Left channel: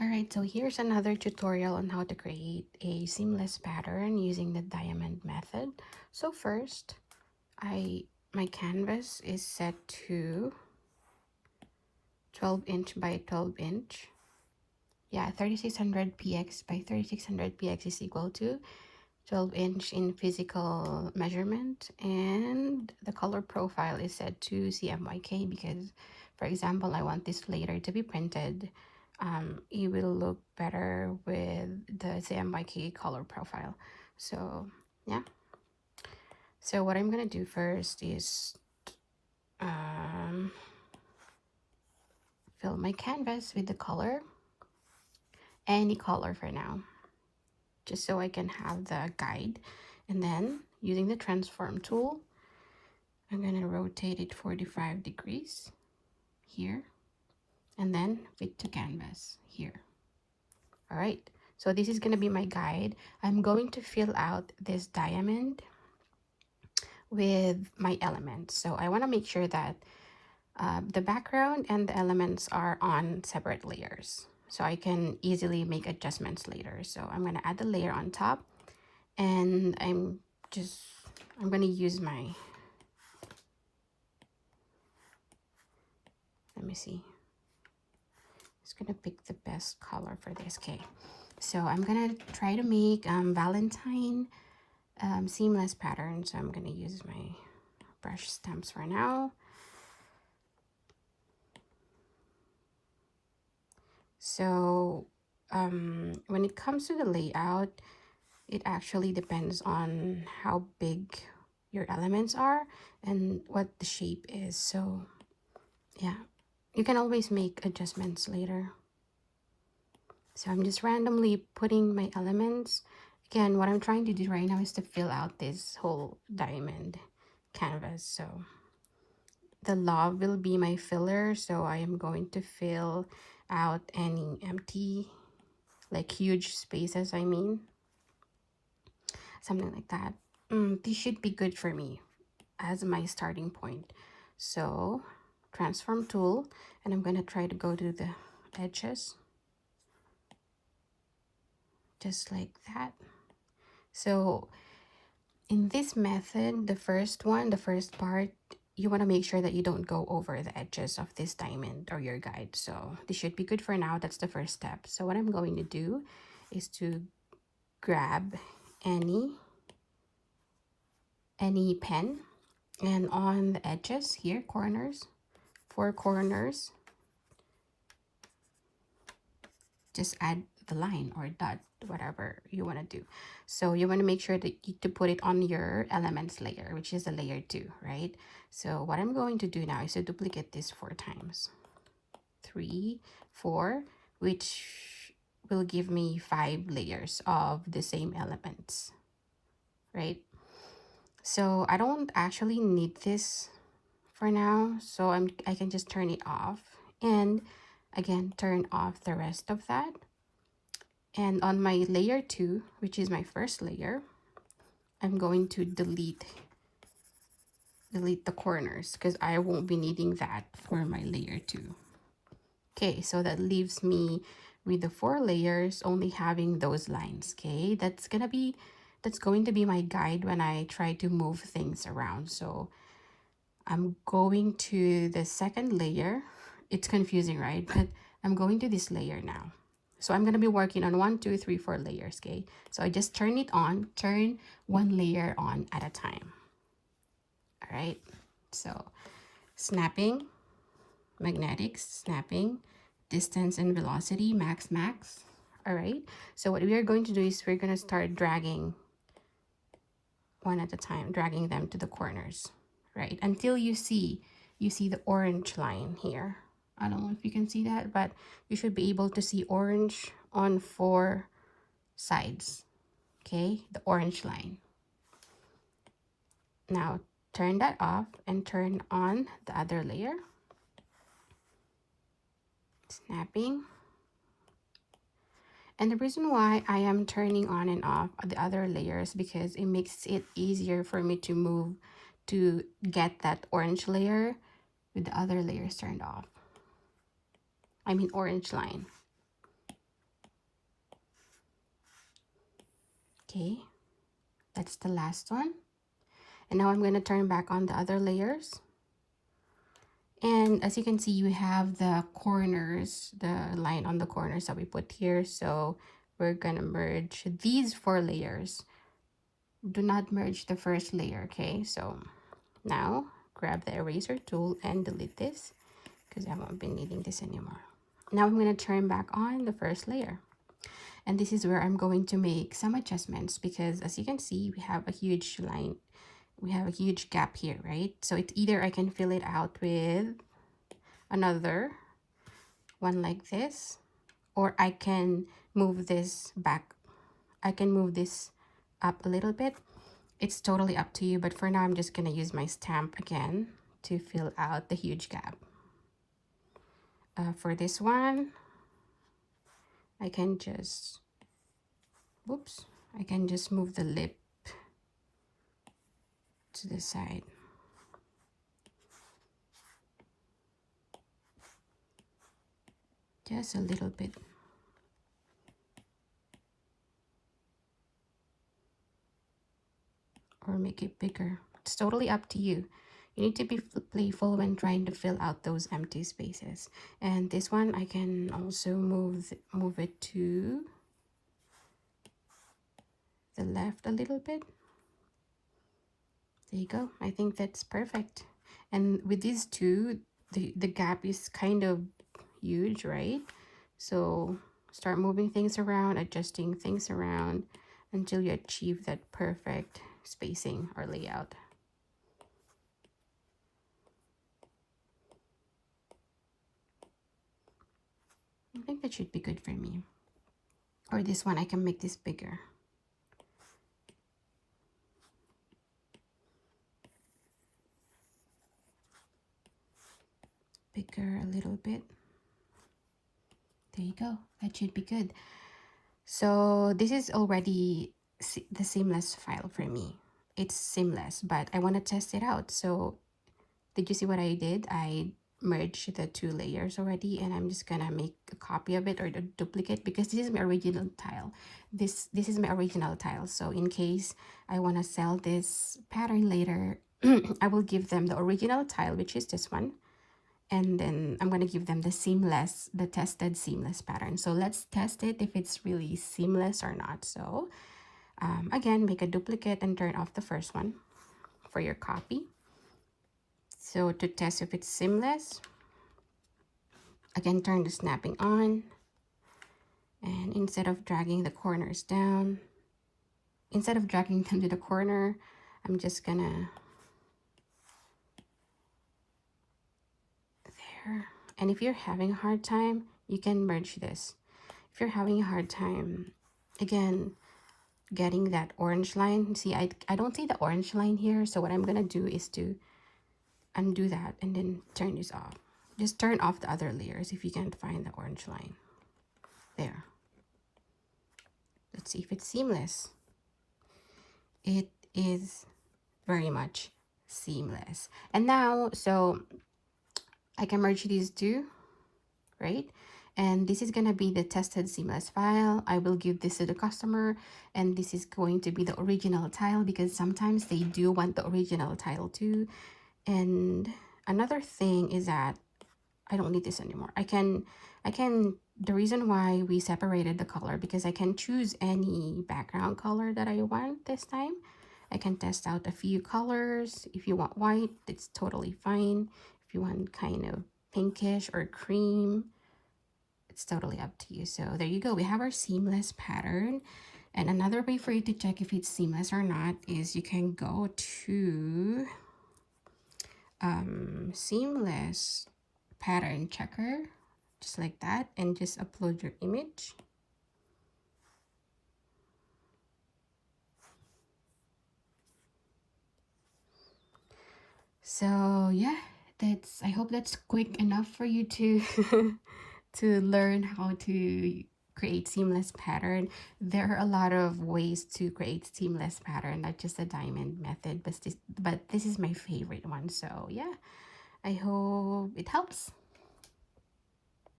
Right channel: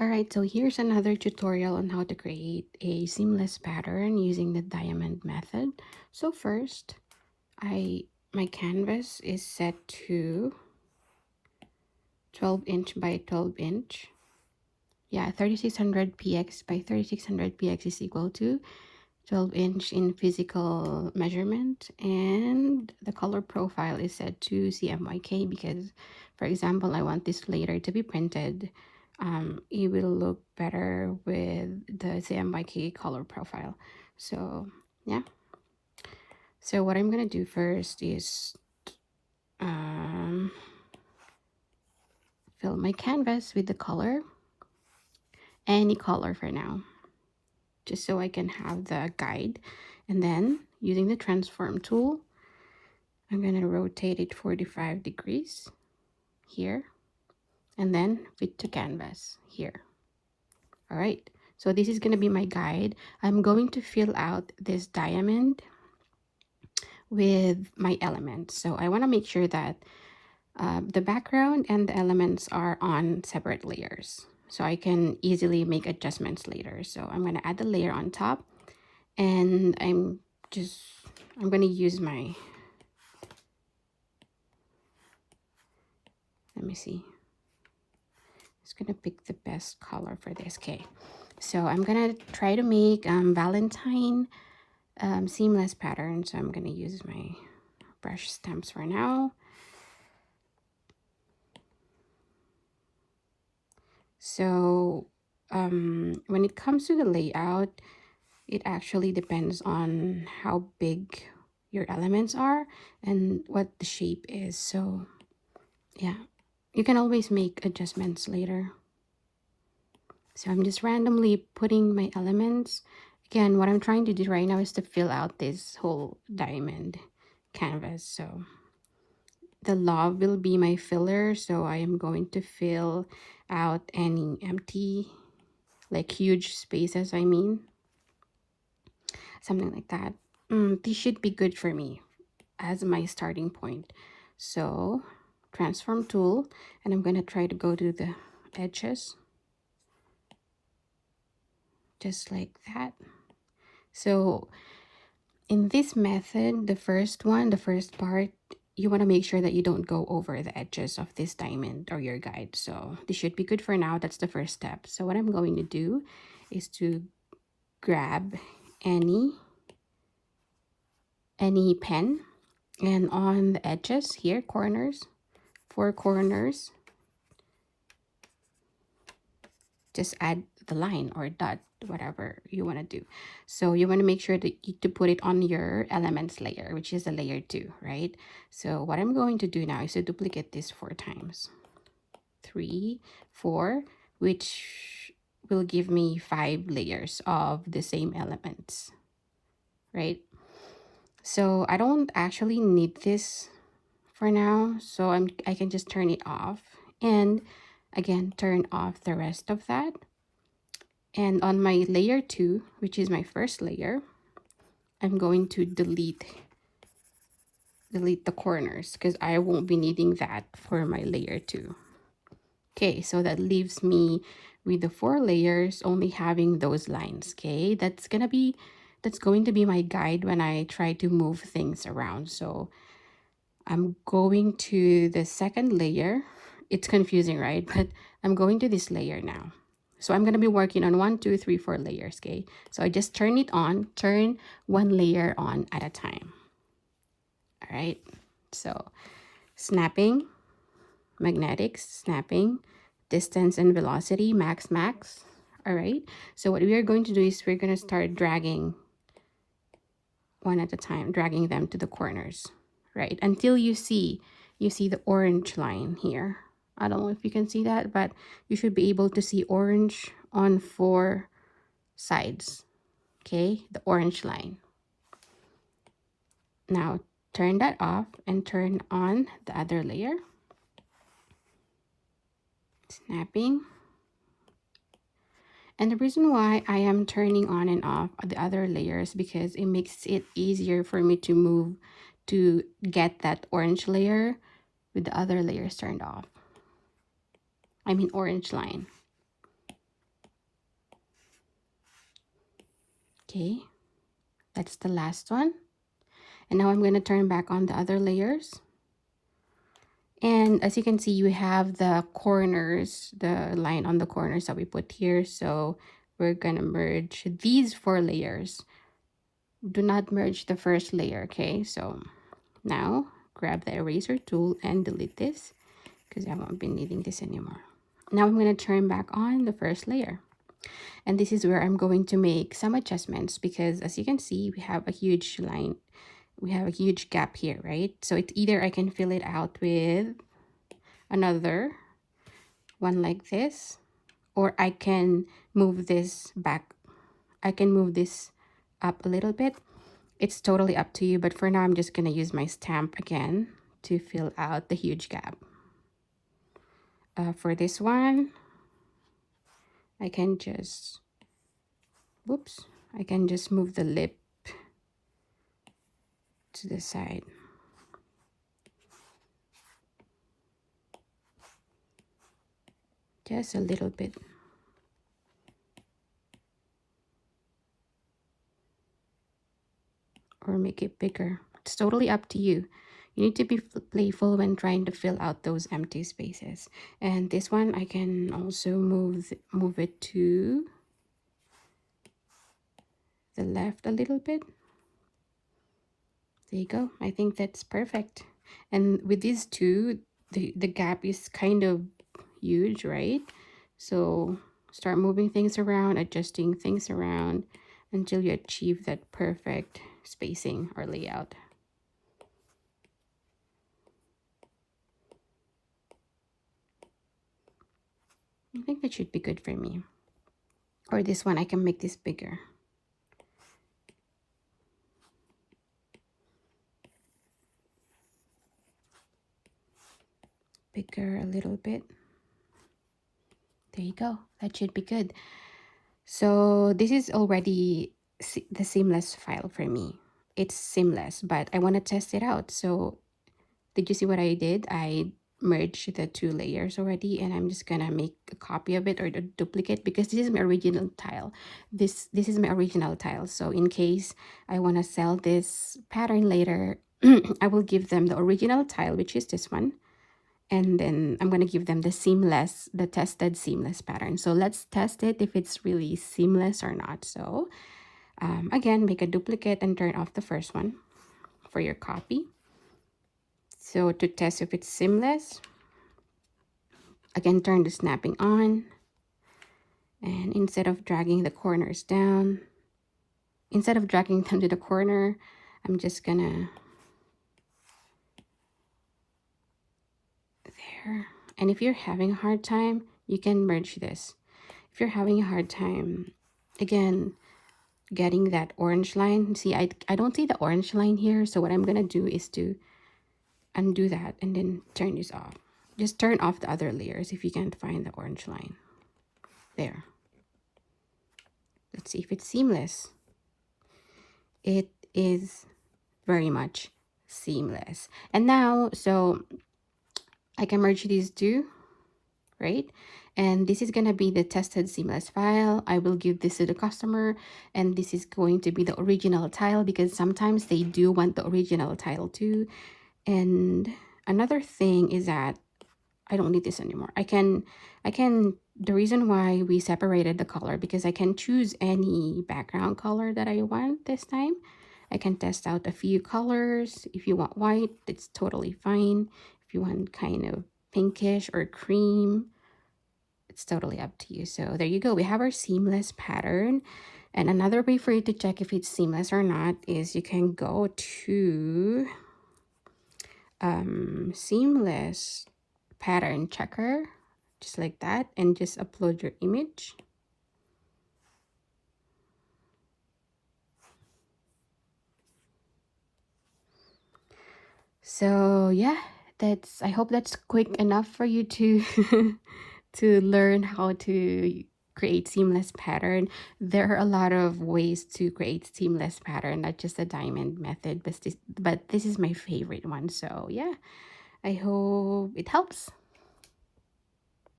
Alright, so here's another tutorial on how to create a seamless pattern using the diamond method. So first, my canvas is set to 12 inch by 12 inch. Yeah, 3600 px by 3600 px is equal to 12 inch in physical measurement, and the color profile is set to CMYK because, for example, I want this later to be printed. It will look better with the CMYK color profile. So yeah, so what I'm gonna do first is fill my canvas with the color, any color for now, just so I can have the guide. And then using the transform tool, I'm going to rotate it 45 degrees here, and then fit to canvas here. All right, so this is going to be my guide. I'm going to fill out this diamond with my elements. So I want to make sure that the background and the elements are on separate layers, so I can easily make adjustments later. So I'm going to add the layer on top, and I'm going to use my, let me see, just gonna pick the best color for this. Okay, so I'm gonna try to make Valentine seamless pattern. So I'm gonna use my brush stamps for now. So when it comes to the layout, it actually depends on how big your elements are and what the shape is. So yeah, you can always make adjustments later. So I'm just randomly putting my elements. Again, what I'm trying to do right now is to fill out this whole diamond canvas. So the love will be my filler. So I am going to fill out any empty, like huge spaces, I mean. Something like that. This should be good for me as my starting point. So transform tool, and I'm going to try to go to the edges. Just like that. So in this method, the first part, you want to make sure that you don't go over the edges of this diamond or your guide. So this should be good for now. That's the first step. So what I'm going to do is to grab any pen, and on the edges here, corners, 4 corners, just add the line or dot, whatever you want to do. So you want to make sure that to put it on your elements layer, which is the layer 2, right? So what I'm going to do now is to duplicate this 4 times, 3, 4, which will give me 5 layers of the same elements, right? So I don't actually need this for now, so I can just turn it off, and again turn off the rest of that. And on my layer 2, which is my first layer, I'm going to delete the corners because I won't be needing that for my layer 2. Okay, so that leaves me with the 4 layers only having those lines. Okay, that's going to be my guide when I try to move things around. So I'm going to the second layer. It's confusing, right? But I'm going to this layer now. So I'm going to be working on 1, 2, 3, 4 layers, okay? So I just turn it on, turn 1 layer on at a time. All right, so snapping, magnetics, snapping, distance and velocity, max. All right, so what we are going to do is we're going to start dragging one at a time, dragging them to the corners, right? Until you see the orange line here. I don't know if you can see that, but you should be able to see orange on 4 sides. Okay, the orange line. Now turn that off and turn on the other layer. Snapping. And the reason why I am turning on and off the other layers because it makes it easier for me to move to get that orange layer with the other layers turned off. I mean orange line. Okay, that's the last one. And now I'm going to turn back on the other layers. And as you can see, you have the corners, the line on the corners that we put here. So we're going to merge these 4 layers. Do not merge the first layer, okay? So now grab the eraser tool and delete this because I won't be needing this anymore. Now I'm going to turn back on the first layer. And this is where I'm going to make some adjustments because as you can see, we have a huge line. We have a huge gap here, right? So it's either I can fill it out with another one like this, or I can move this back. I can move this up a little bit. It's totally up to you, but for now I'm just gonna use my stamp again to fill out the huge gap. For this one, I can just, whoops, I can just move the lip to the side. Just a little bit. Or make it bigger. It's totally up to you. You need to be playful when trying to fill out those empty spaces. And this one, I can also move it to the left a little bit. There you go. I think that's perfect. And with these two, the gap is kind of huge, right? So start moving things around, adjusting things around until you achieve that perfect spacing or layout. I think that should be good for me. Or this one, I can make this bigger. Bigger a little bit. There you go. That should be good. So this is already the seamless file for me. It's seamless, but I want to test it out. So did you see what I did? I merged the 2 layers already, and I'm just gonna make a copy of it or a duplicate because this is my original tile. This is my original tile. So in case I want to sell this pattern later, I will give them the original tile, which is this one. And then I'm going to give them the tested seamless pattern. So let's test it if it's really seamless or not. So again, make a duplicate and turn off the first one for your copy. So to test if it's seamless, again, turn the snapping on. And instead of dragging the corners down, instead of dragging them to the corner, I'm just gonna, there. And if you're having a hard time, you can merge this. If you're having a hard time, again, getting that orange line, see, I don't see the orange line here. So what I'm gonna do is to undo that and then turn this off. Just turn off the other layers if you can't find the orange line. There. Let's see if it's seamless. It is very much seamless. And now, so I can merge these two, right? And this is gonna be the tested seamless file. I will give this to the customer, and this is going to be the original tile because sometimes they do want the original tile too. And another thing is that I don't need this anymore. The reason why we separated the color because I can choose any background color that I want this time. I can test out a few colors. If you want white, it's totally fine. If you want kind of pinkish or cream, it's totally up to you. So there you go. We have our seamless pattern. And another way for you to check if it's seamless or not is you can go to seamless pattern checker, just like that, and just upload your image. So yeah, I hope that's quick enough for you to to learn how to create seamless pattern. There are a lot of ways to create seamless pattern, not just the diamond method, but this is my favorite one. So yeah, I hope it helps.